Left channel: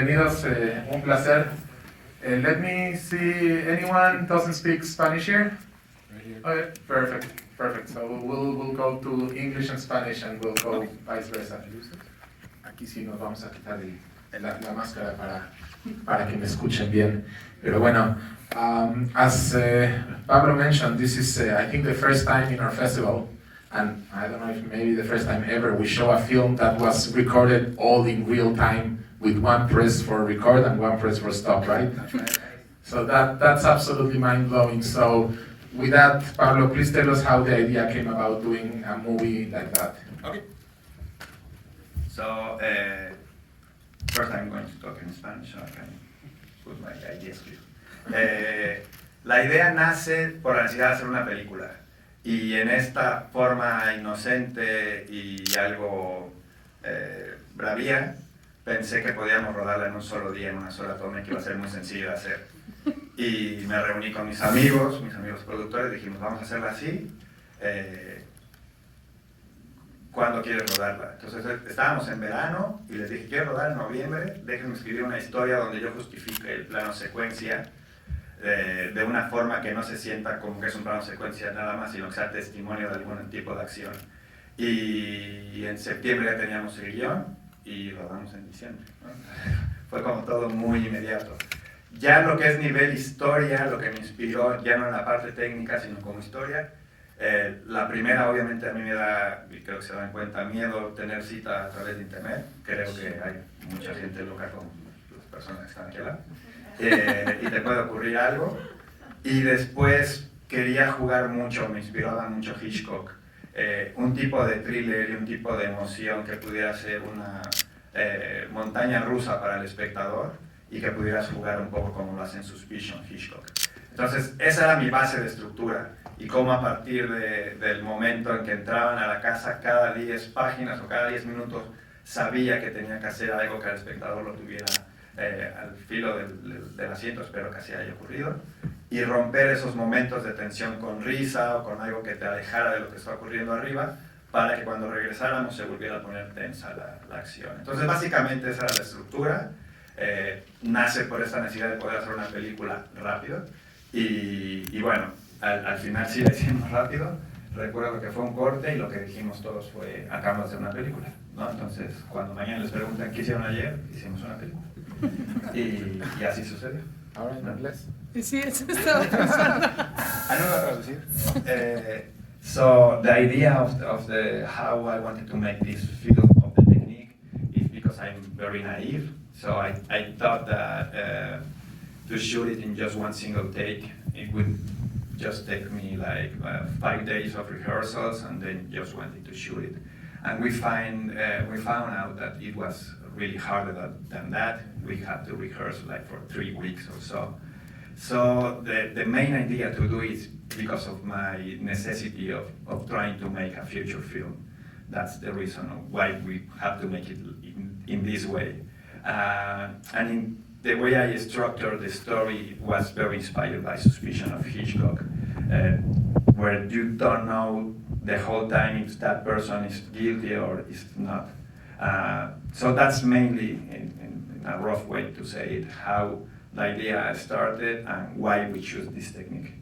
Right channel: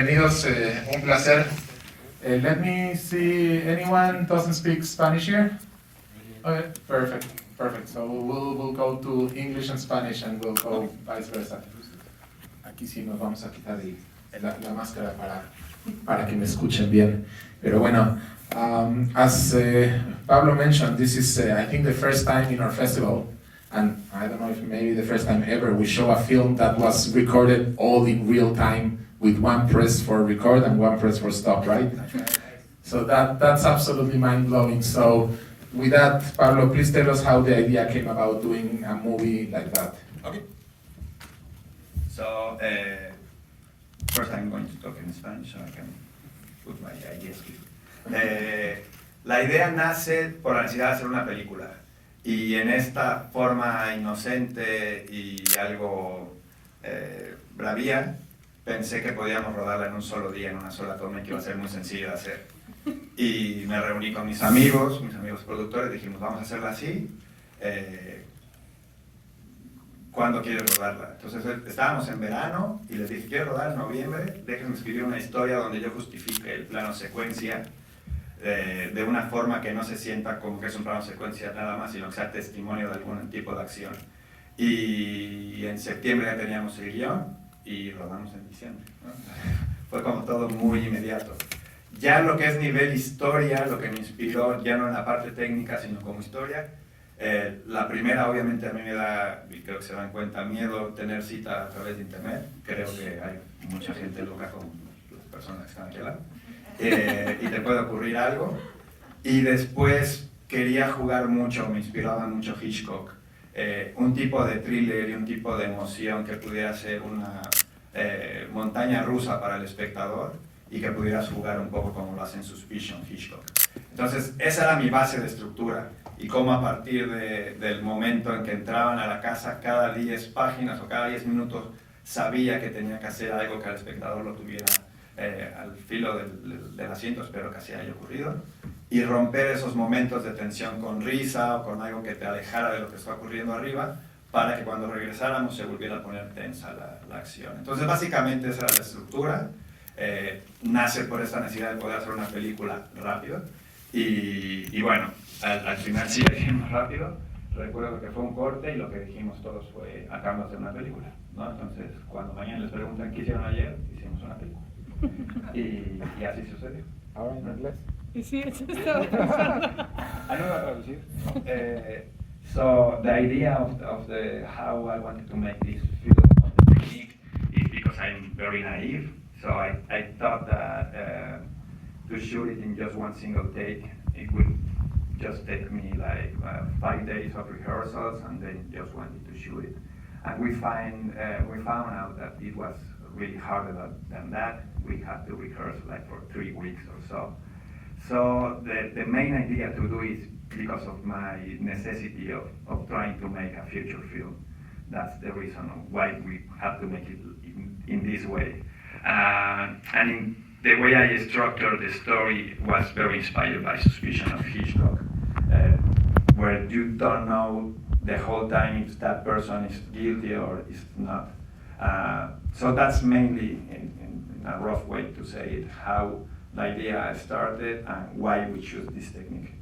Bienvenidos, un placer. Let me see, anyone doesn't speak Spanish here? Okay, perfect. So we'll go to English and Spanish and we'll go vice versa. Aquí sí nos vamos a quitar la máscara para que me escuchen bien. Pero bueno, as Pablo mentioned, this is I think the first time in our festival, and I don't know if maybe the first time ever, we show a film that was recorded all in real time with one press for record and one press for stop, right? That's right. So that's absolutely mind-blowing. So with that, Pablo, please tell us how the idea came about doing a movie like that. Okay. So, first I'm going to talk in Spanish so I can put my ideas here. La idea nace por la necesidad de hacer una película. Y en esta forma inocente y algo bravía, pensé que podíamos rodarla en un solo día, en una sola toma, que iba a ser muy sencillo de hacer. Y me reuní con mis amigos productores, dijimos, vamos a hacerla así. ¿Cuándo quieres rodarla? Entonces estábamos en verano y les dije, quiero rodar en noviembre, déjenme escribir una historia donde yo justifique el plano secuencia de una forma que no se sienta como que es un plano secuencia nada más, sino que sea testimonio de algún tipo de acción. Y en septiembre ya teníamos el guión y rodamos en diciembre, ¿no? Fue como todo muy inmediato. Ya lo que es nivel historia, lo que me inspiró, ya no en la parte técnica, sino como historia, la primera obviamente a mí me da, y creo que se dan cuenta, miedo tener cita a través de internet. Creo que hay mucha gente loca como las personas que están aquí al lado. Y te puede ocurrir algo. Y después quería jugar mucho, me inspiraba mucho Hitchcock. Un tipo de thriller y un tipo de emoción que pudiera ser una montaña rusa para el espectador y que pudieras jugar un poco como lo hace en Suspicion Hitchcock. Entonces esa era mi base de estructura y cómo a partir del momento en que entraban a la casa cada 10 páginas o cada 10 minutos sabía que tenía que hacer algo que el espectador lo tuviera al filo del asiento, espero que así haya ocurrido, y romper esos momentos de tensión con risa o con algo que te alejara de lo que está ocurriendo arriba, para que cuando regresáramos se volviera a poner tensa la acción. Entonces básicamente esa era la estructura, nace por esta necesidad de poder hacer una película rápido, y bueno, al final sí la hicimos rápido. Recuerdo que fue un corte y lo que dijimos todos fue, acabamos de hacer una película, ¿no? Entonces cuando mañana les preguntan qué hicieron ayer, hicimos una película. Y así sucedió. Ahora en inglés. Sí, eso estaba pensando. No voy a traducir. So the idea of how I wanted to make this film of the technique is because I'm very naive. So I thought that to shoot it in just one single take, it would just take me like 5 days of rehearsals and then just wanted to shoot it. And we found out that it was really harder than that. We had to rehearse like for 3 weeks or so. So the main idea to do is because of my necessity of trying to make a feature film. That's the reason why we have to make it in this way. And the way I structured the story was very inspired by Suspicion of Hitchcock, where you don't know the whole time if that person is guilty or is not. So that's mainly, in a rough way to say it, how the idea started and why we choose this technique.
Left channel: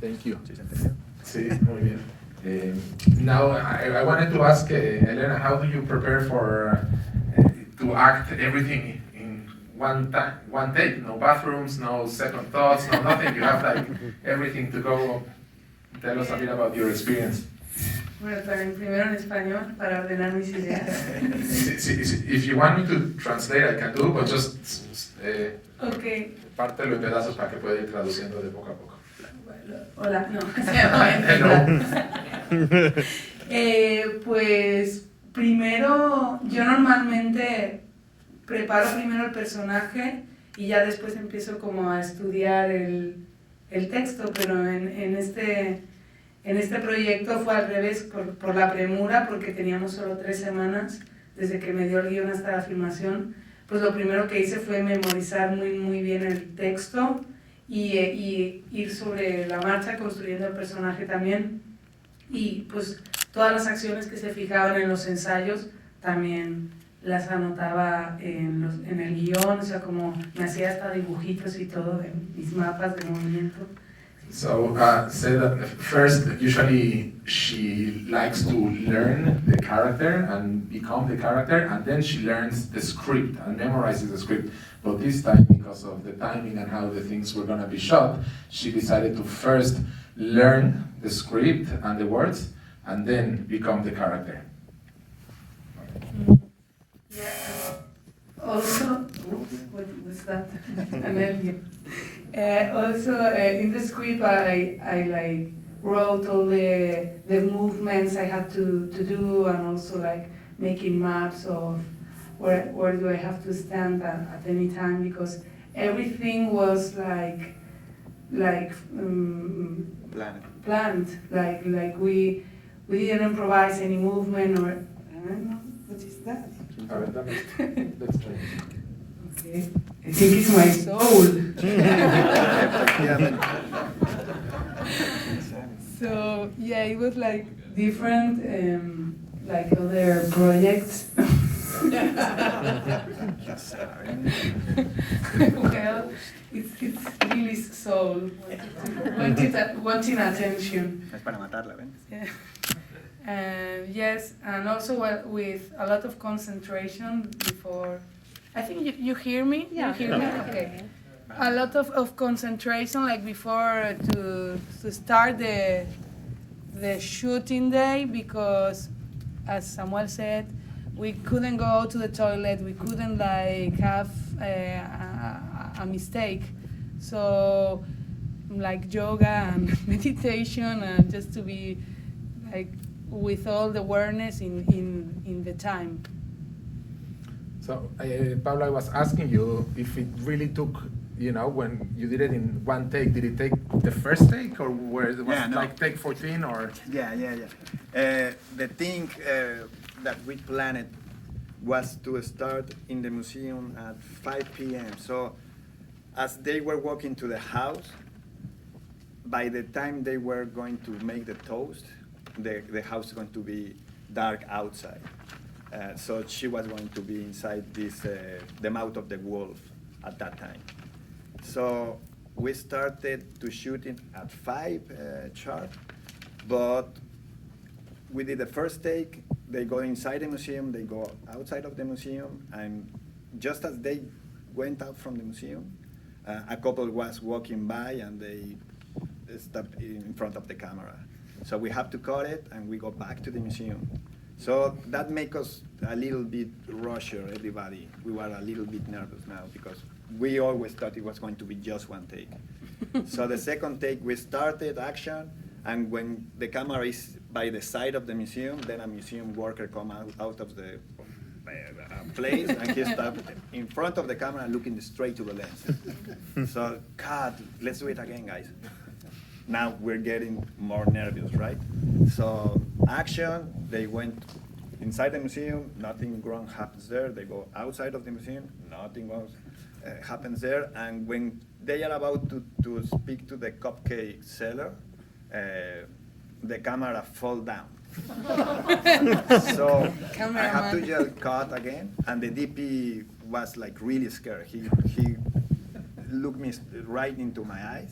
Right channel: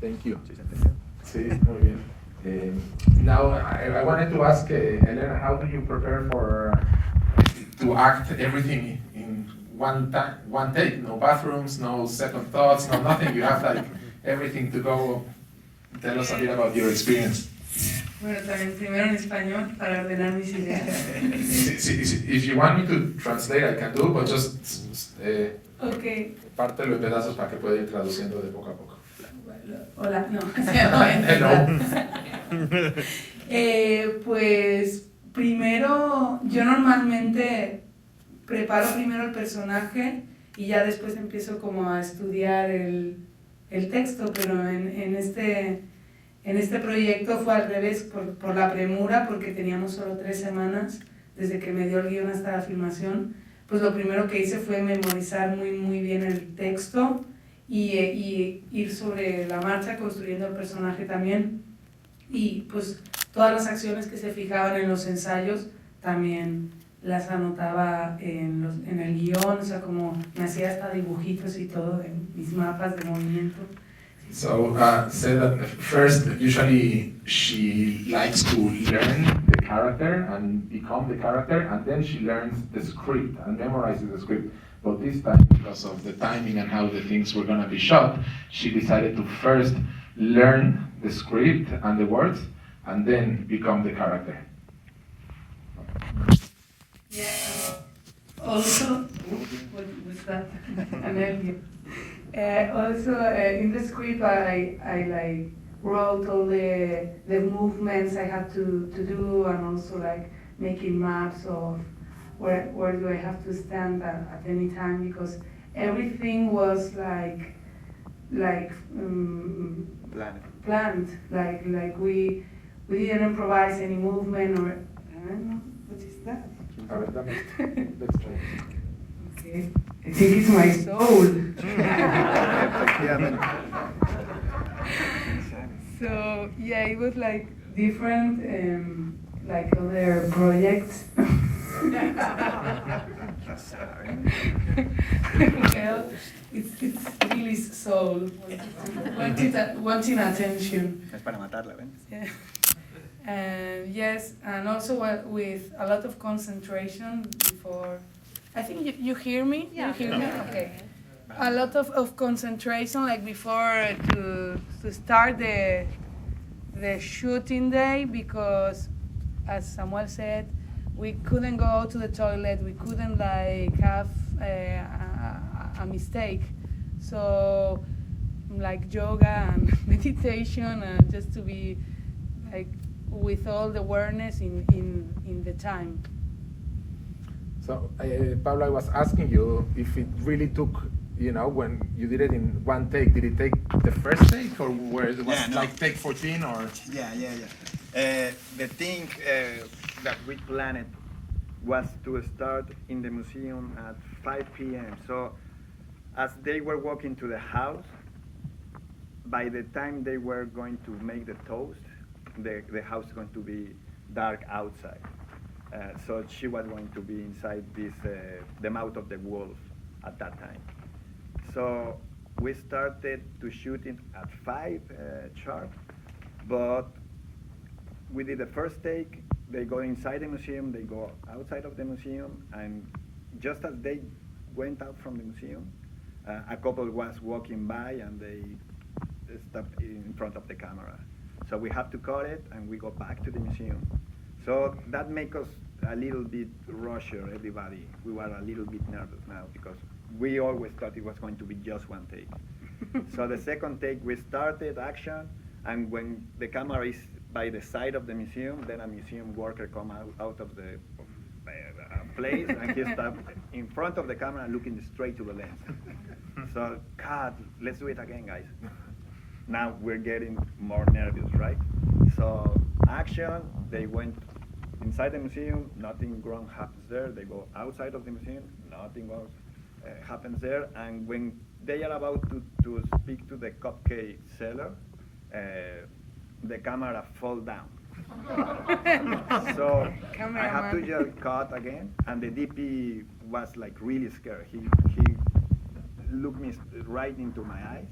Thank you. Sí, muy bien. Now I wanted to ask Helena, how do you prepare for to act everything in one take? No bathrooms, no second thoughts, no nothing. You have like everything to go. Tell us a bit about your experience. Bueno, también primero en español para ordenar mis ideas. If you want me to translate, I can do, but just Okay. pártelo en pedazos para que pueda ir traduciendo de poco a poco. Hola, no. Pues primero, yo normalmente preparo primero el personaje y ya después empiezo como a estudiar el texto, pero en este proyecto fue al revés, por la premura, porque teníamos solo 3 semanas desde que me dio el guión hasta la filmación. Pues lo primero que hice fue memorizar muy bien el texto y ir sobre la marcha construyendo el personaje también. Y pues todas las acciones que se fijaban en los ensayos también las anotaba en el guión, o sea, como me hacía hasta dibujitos y todo de mis mapas de movimiento. So, say that first, usually she likes to learn the character and become the character, and then she learns the script and memorizes the script. But this time, because of the timing and how the things were going to be shot, she decided to first learn the script and the words, and then become the character. Yeah. Also, what was that? In the script, I like wrote all the movements I had to do, and also like making maps of where do I have to stand at any time, because everything was like planned. Like we didn't improvise any movement or what is that? Let's try. Okay. I think it's my soul. So yeah, it was like different, like other projects. Well, it's really soul, wanting attention. Es para matarla, ¿ven? Yeah. And yes, and also with a lot of concentration before. I think you hear me? Yeah. You hear me? Okay. A lot of concentration, like before to start the shooting day, because as Samuel said, we couldn't go to the toilet, we couldn't like have a mistake. So like yoga and meditation, and just to be like with all the awareness in the time. So, Pablo, I was asking you if it really took, when you did it in one take, did it take the first take, or where it was like take 14, or? Yeah. The thing that we planned was to start in the museum at 5 p.m. So as they were walking to the house, by the time they were going to make the toast, the house is going to be dark outside. So she was going to be inside the mouth of the wolf at that time. So we started to shoot it at 5 sharp, but we did the first take. They go inside the museum, they go outside of the museum, and just as they went out from the museum, a couple was walking by and they stopped in front of the camera. So we have to cut it and we go back to the museum. So that makes us a little bit rusher, everybody. We were a little bit nervous now because we always thought it was going to be just one take. So the second take, we started action, and when the camera is by the side of the museum, then a museum worker come out of the place, and he stopped in front of the camera looking straight to the lens. So, God, let's do it again, guys. Now we're getting more nervous, right? So action, they went inside the museum, nothing wrong happens there. They go outside of the museum, nothing wrong happens there. And when they are about to speak to the cupcake seller, the camera fall down. So I have to just cut again, and the DP was like really scared. He looked me right into my eyes,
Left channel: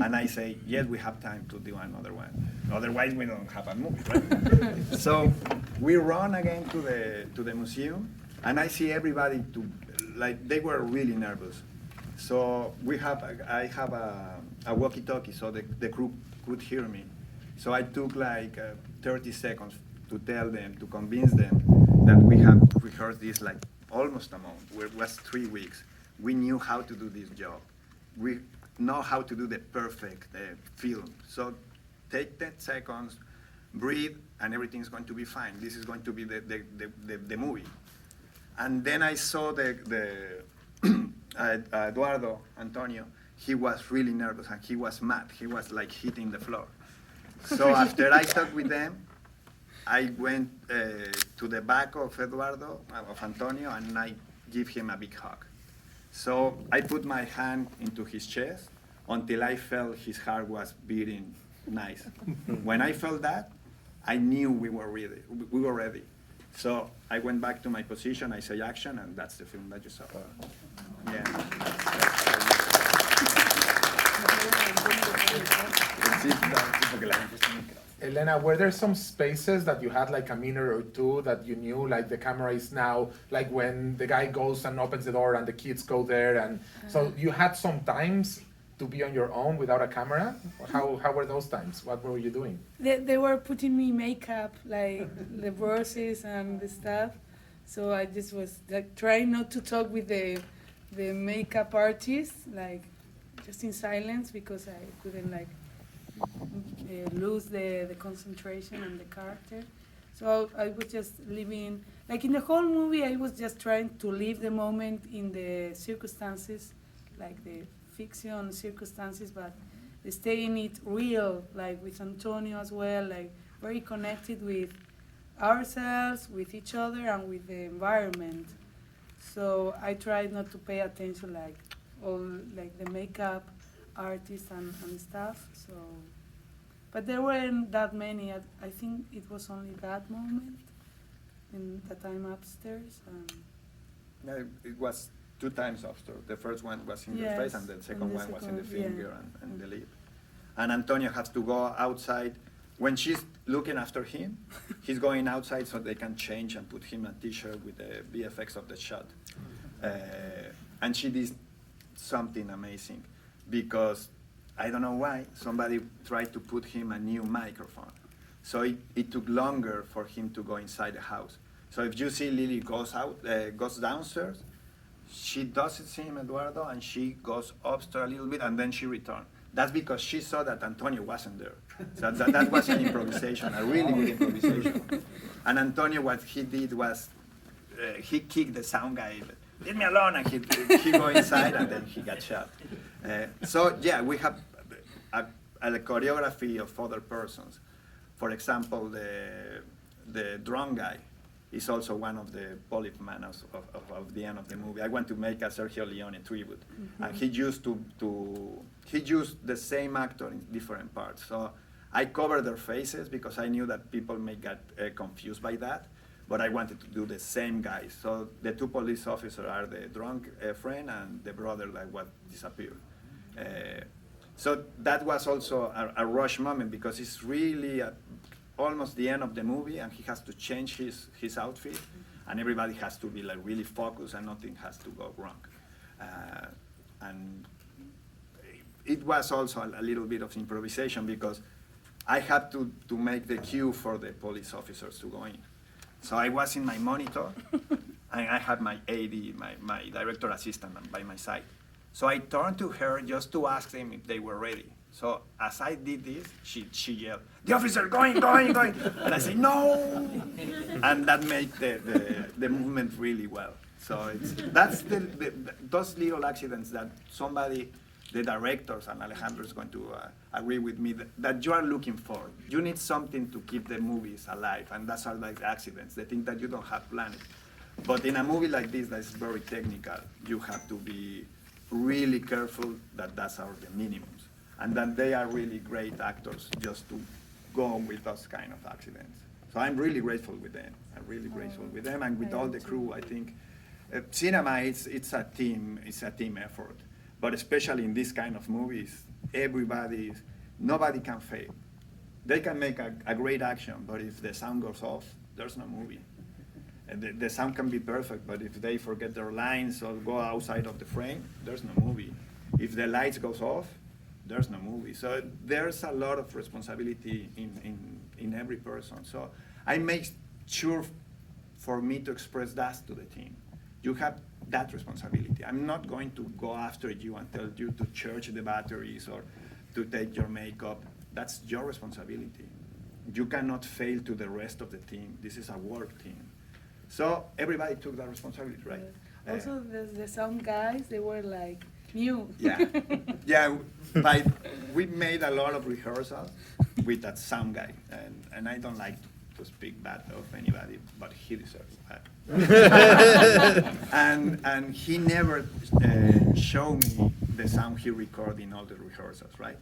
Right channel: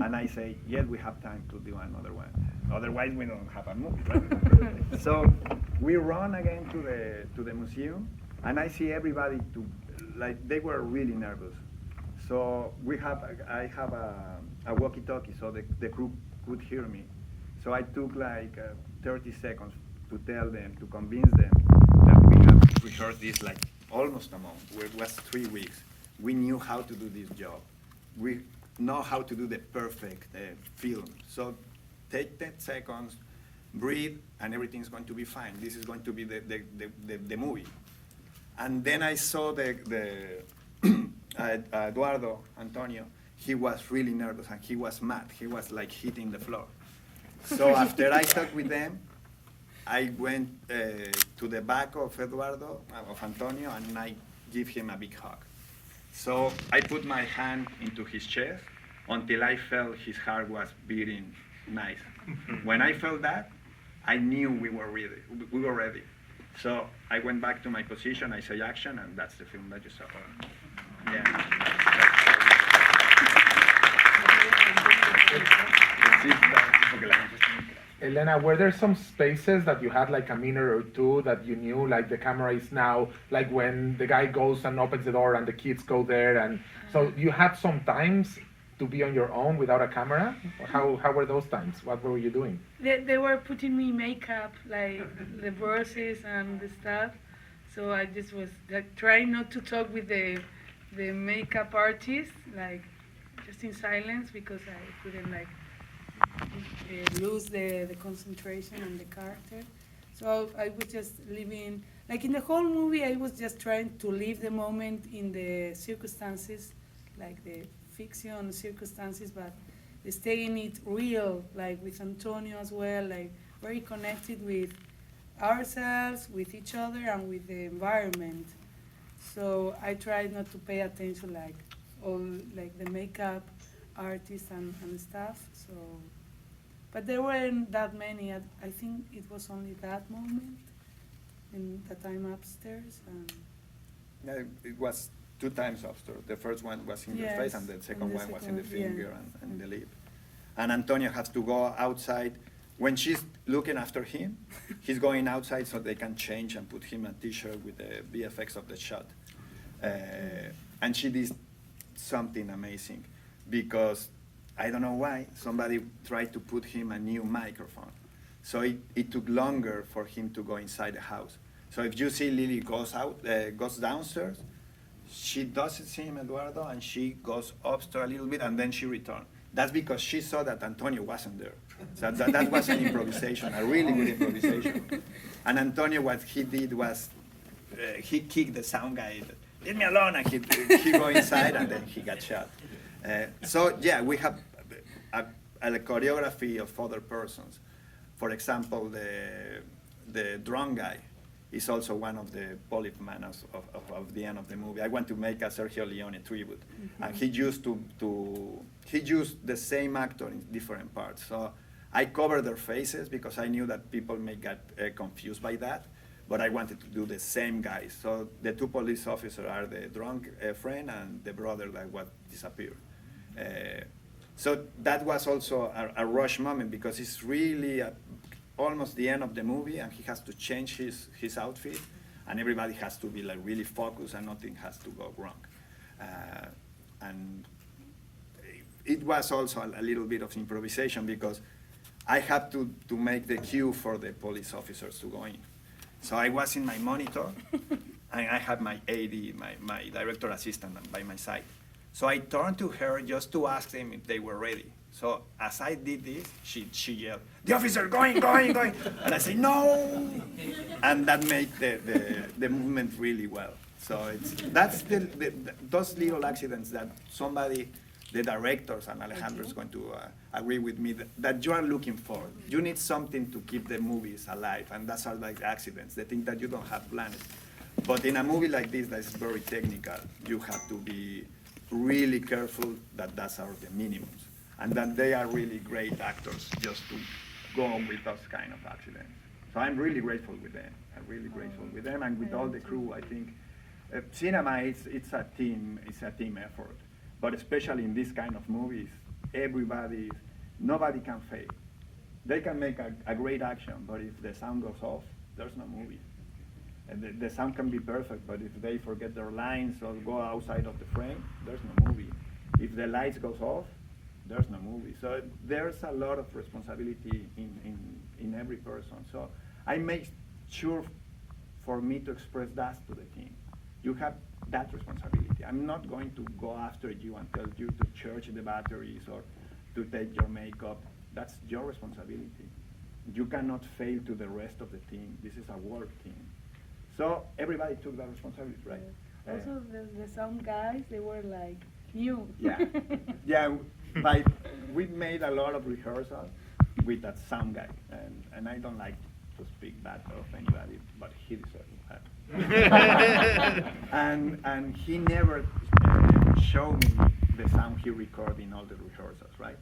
and I say, yes, we have time to do another one. Otherwise, we don't have a movie, right? So we run again to the museum, and I see everybody they were really nervous. So I have a walkie-talkie, so the crew could hear me. So I took like 30 seconds to tell them, to convince them that we have rehearsed this like almost a month. It was 3 weeks. We knew how to do this job. We know how to do the perfect film. So take 10 seconds, breathe, and everything's going to be fine. This is going to be the movie. And then I saw Eduardo, Antonio, he was really nervous and he was mad. He was like hitting the floor. So after I talked with them, I went to the back of Eduardo, of Antonio, and I give him a big hug. So I put my hand into his chest until I felt his heart was beating nice. When I felt that, I knew we were ready. So I went back to my position, I say action, and that's the film that you saw. Elena, were there some spaces that you had like a minute or two that you knew like the camera is now, like when the guy goes and opens the door and the kids go there, and so you had some times to be on your own without a camera? How were those times? What were you doing? They were putting me makeup, like the verses and the stuff. So I just was like trying not to talk with the makeup artist, like just in silence, because I couldn't like lose the concentration on the character. So I was just living, like in the whole movie, I was just trying to live the moment in the circumstances, like the fiction circumstances, but staying it real, like with Antonio as well, like very connected with ourselves, with each other, and with the environment. So I tried not to pay attention, like all like the makeup artists and stuff. So, but there weren't that many. I think it was only that moment in that I'm upstairs. Yeah, it was 2 times upstairs. The first one was in your face, and the second one was in the finger and the lip. And Antonio has to go outside. When she's looking after him, he's going outside so they can change and put him a t-shirt with the VFX of the shot. And she did something amazing, because I don't know why, somebody tried to put him a new microphone. So it took longer for him to go inside the house. So if you see Lily goes downstairs, she doesn't see him, Eduardo, and she goes upstairs a little bit, and then she returns. That's because she saw that Antonio wasn't there. So that was an improvisation, a really good improvisation. And Antonio, what he did was, he kicked the sound guy, leave me alone, and he go inside, and then he got shot. So yeah, we have a choreography of other persons. For example, the drum guy is also one of the polyman of the end of the movie. I want to make a Sergio Leone tribute. And he used he used the same actor in different parts. So I covered their faces because I knew that people may get confused by that, but I wanted to do the same guys. So the 2 police officers are the drunk friend and the brother that was disappeared. So that was also a rush moment, because it's really almost the end of the movie, and he has to change his outfit, and everybody has to be like really focused, and nothing has to go wrong. And it was also a little bit of improvisation, because I had to make the cue for the police officers to go in. So I was in my monitor, and I had my AD, my director assistant by my side. So I turned to her just to ask them if they were ready. So as I did this, she yelled, "The officer, going!" And I say, "No!" And that made the movement really well. So that's those little accidents that somebody, the directors, and Alejandro is going to agree with me, that you are looking for. You need something to keep the movies alive, and that's all like accidents, the thing that you don't have planned. But in a movie like this that is very technical, you have to be really careful that that's the minimums, and that they are really great actors just to go with those kind of accidents. So I'm really grateful with them. I'm really grateful with them and with all the crew. I think cinema it's a team effort, but especially in this kind of movies, nobody can fail. They can make a great action, but if the sound goes off, there's no movie. And the sound can be perfect, but if they forget their lines or go outside of the frame, there's no movie. If the lights goes off, there's no movie. So there's a lot of responsibility in every person. So I make sure for me to express that to the team. You have that responsibility. I'm not going to go after you and tell you to charge the batteries or to take your makeup. That's your responsibility. You cannot fail to the rest of the team. This is a work team. So everybody took that responsibility, right? Also, the sound guys, they were like new. Yeah. We made a lot of rehearsals with that sound guy, and I don't like to speak bad of anybody, but he deserves that. and he never showed me the sound he recorded in all the rehearsals, right?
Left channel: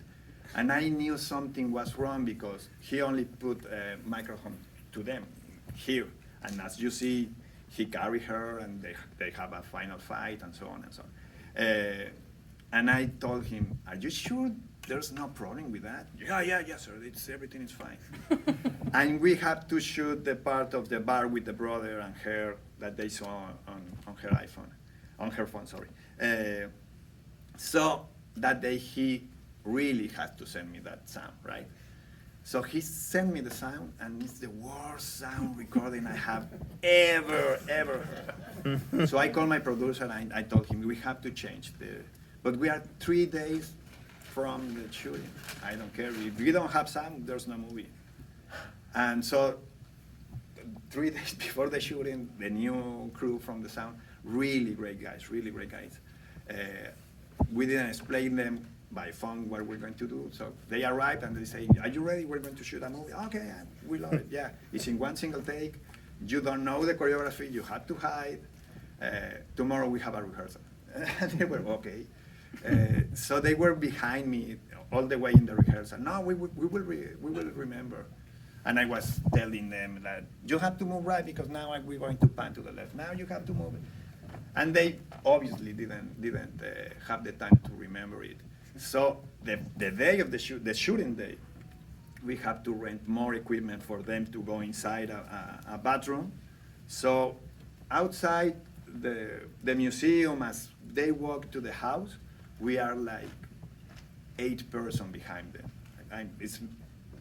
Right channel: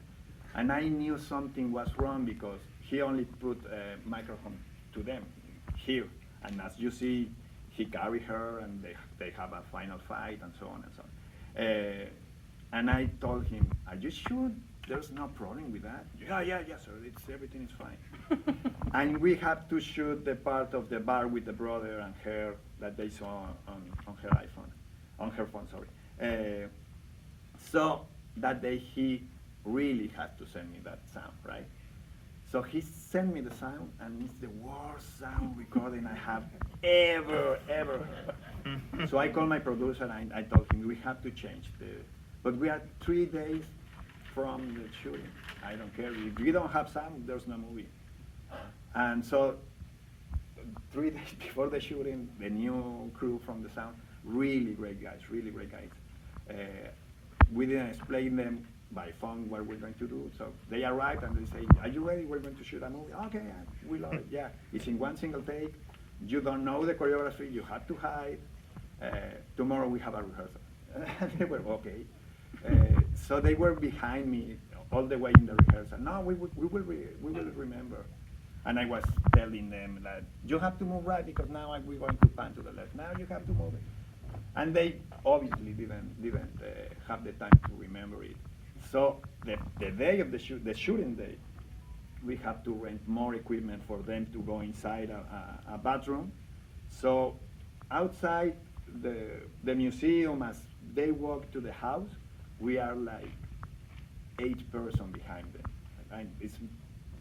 And I knew something was wrong because he only put a microphone to them here. And as you see, he carry her, and they have a final fight, and so on and so on. And I told him, "Are you sure there's no problem with that?" Yeah, sir. Everything is fine. And we have to shoot the part of the bar with the brother and her that they saw on her iPhone, on her phone. Sorry. So that day he really had to send me that sound, right? So he sent me the sound, and it's the worst sound recording I have ever heard. So I called my producer and I told him we have to change but we are 3 days from the shooting. I don't care. If we don't have sound, there's no movie. And so 3 days before the shooting, the new crew from the sound, really great guys. We didn't explain them by phone what we're going to do. So they arrived and they say, "Are you ready? We're going to shoot a movie." "Okay, we love it, yeah. It's in one single take. You don't know the choreography, you have to hide. Tomorrow we have a rehearsal." And they were okay. So they were behind me all the way in the rehearsal. "No, we will remember." And I was telling them that you have to move right because now we're going to pan to the left. Now you have to move it. And they obviously didn't have the time to remember it. So the day of the shooting day, we have to rent more equipment for them to go inside a bathroom. So outside the museum, as they walk to the house, we are like 8 persons behind them. It's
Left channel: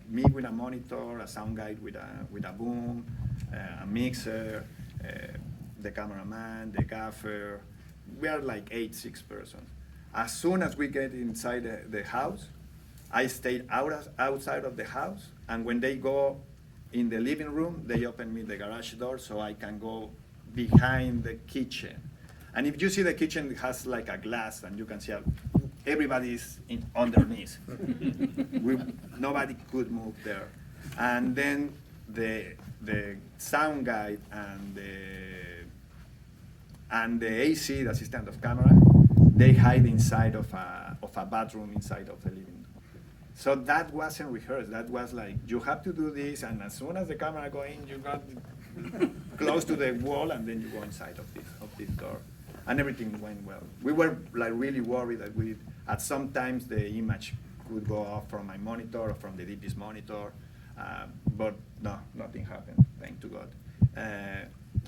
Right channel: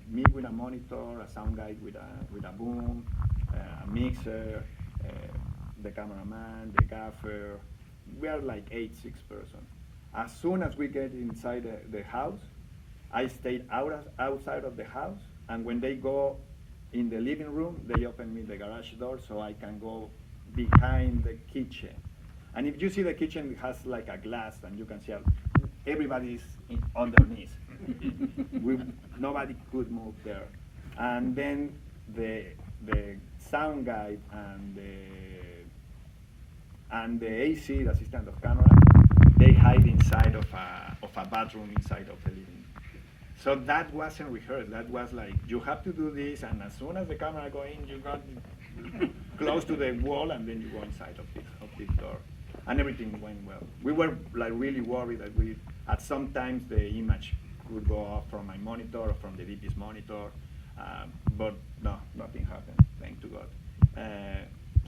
me with a monitor, a sound guy with a boom, a mixer, the cameraman, the gaffer. We are like 6 persons. As soon as we get inside the house, I stayed outside of the house, and when they go in the living room, they open me the garage door so I can go behind the kitchen. And if you see the kitchen, it has like a glass, and you can see everybody's underneath. Nobody could move there. And then the sound guy and the AC, the assistant of camera, they hide inside of a bathroom inside of the living room. So that wasn't rehearsed. That was like, you have to do this, and as soon as the camera go in, you got close to the wall, and then you go inside of this door. And everything went well. We were like really worried that at some times the image could go off from my monitor or from the DP's monitor, but no, nothing happened, thank to God.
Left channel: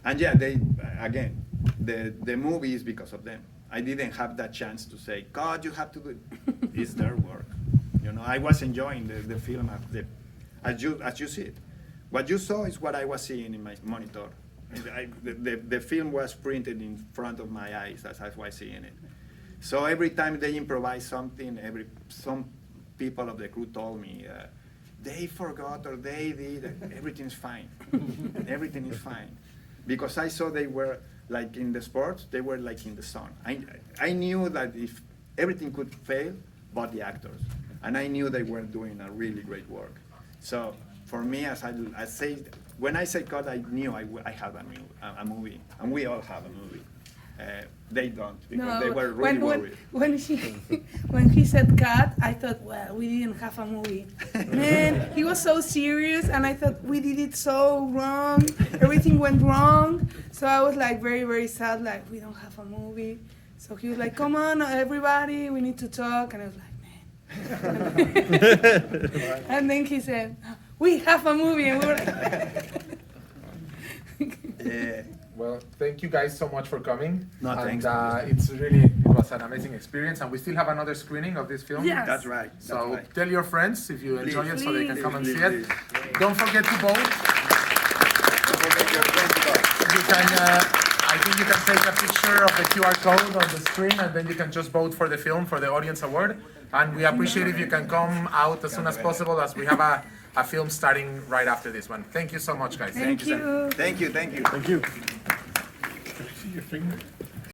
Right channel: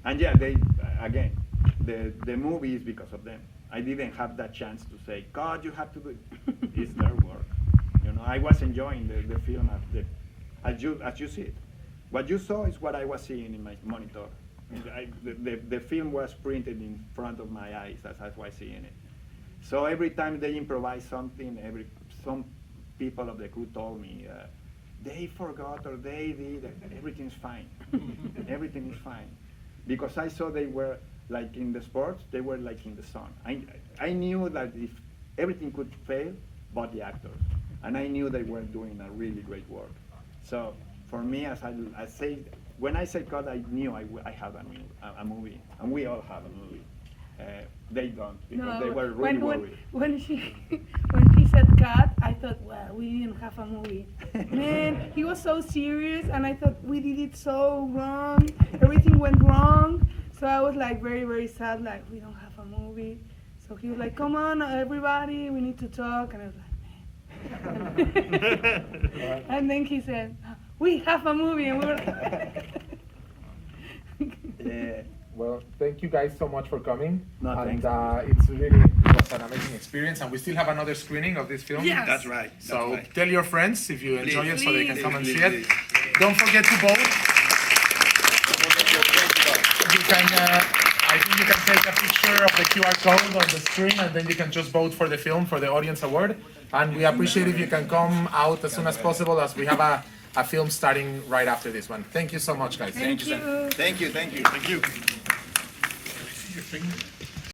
And yeah, the movie is because of them. I didn't have that chance to say, "God, you have to do it." It's their work. You know, I was enjoying the film as you see it. What you saw is what I was seeing in my monitor. The film was printed in front of my eyes as I was seeing it. So every time they improvise something, some people of the crew told me, they forgot or they did, everything's fine. Everything is fine. Because I saw they were like in the sports, they were like in the sun. I knew that if everything could fail, but the actors. And I knew they were doing a really great work. So for me, when I say cut, I knew I have a movie, and we all have a movie. They don't, because they were really worried. When he said cut, I thought, well, we didn't have a movie. Man, he was so serious, and I thought we did it so wrong. Everything went wrong. So I was like very, very sad, like we don't have a movie. So he was like, "Come on, everybody, we need to talk." And I was like, man. And then he said, "We have a movie," and we were Yeah. Well, thank you guys so much for coming. No, and thanks. it was an amazing experience, and we still have another screening of this film. Yes. That's right. So tell your friends if you enjoy it, so they can come and see it. Please. Don't forget to vote. You can, I think you can take a picture of the QR code on the screen, and then you can just vote for the film for the audience award. And we appreciate if you can come out as soon as possible, as we have a film starting right after this one. Thank you so much, guys. Thank you. Thank you. Thank you. Can I see your finger?